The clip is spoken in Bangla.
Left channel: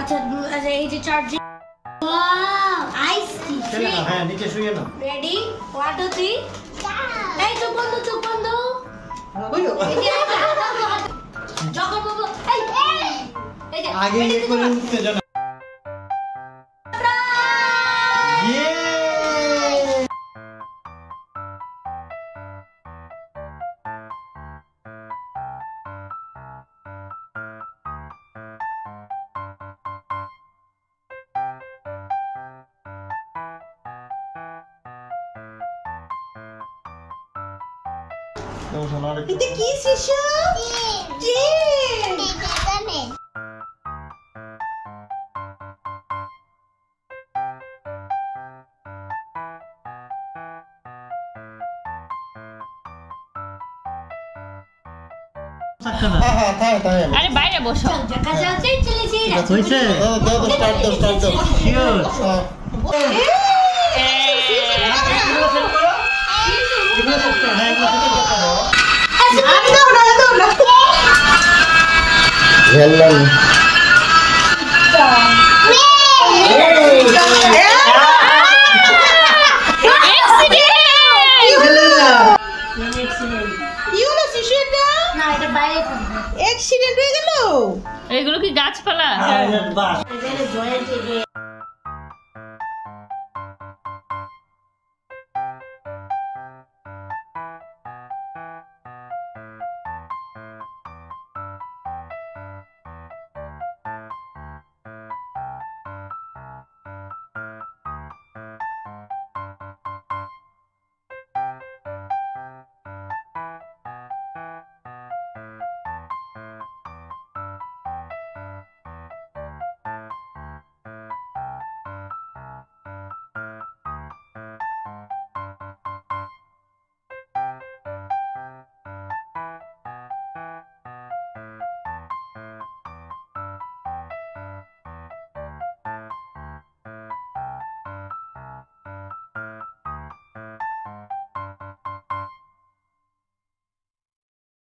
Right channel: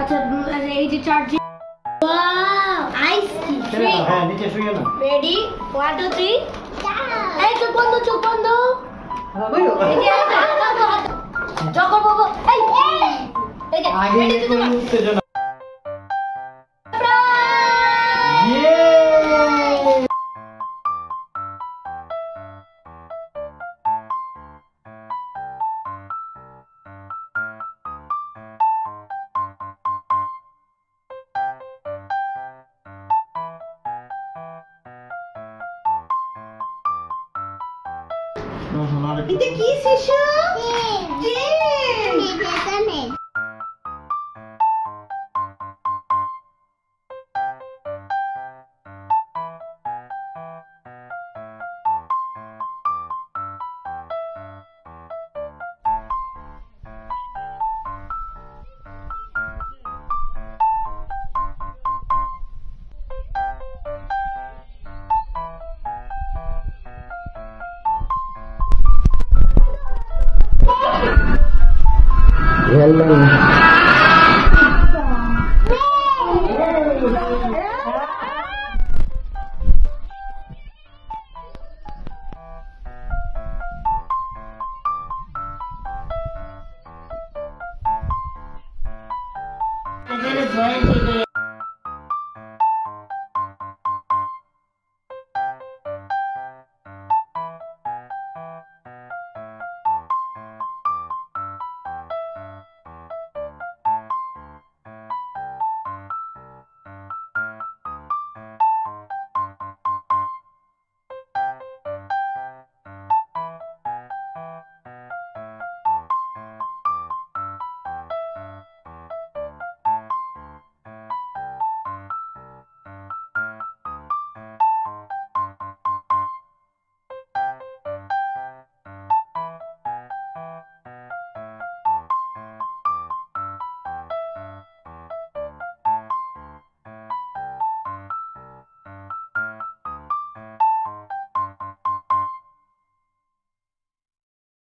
আচ্ছা এই যে চার্জিং ওয়াও আইস চলে না হ্যাঁ নিচে শুয়ে না রেডি 1 2 3 এই চোখ বন্ধ বলো জগর বাবু এই যে আগে কোন উত্তেজনা ইয়ে এটা কি শিশু? জিম। আরে বাইরে বসো দেখা যাচ্ছে চলেছি হইছে স্টার্ট দাও। শিওর অ্যাক্সিডেন্ট হয়ে গেল। এগুলো কি গাছপালা? বাস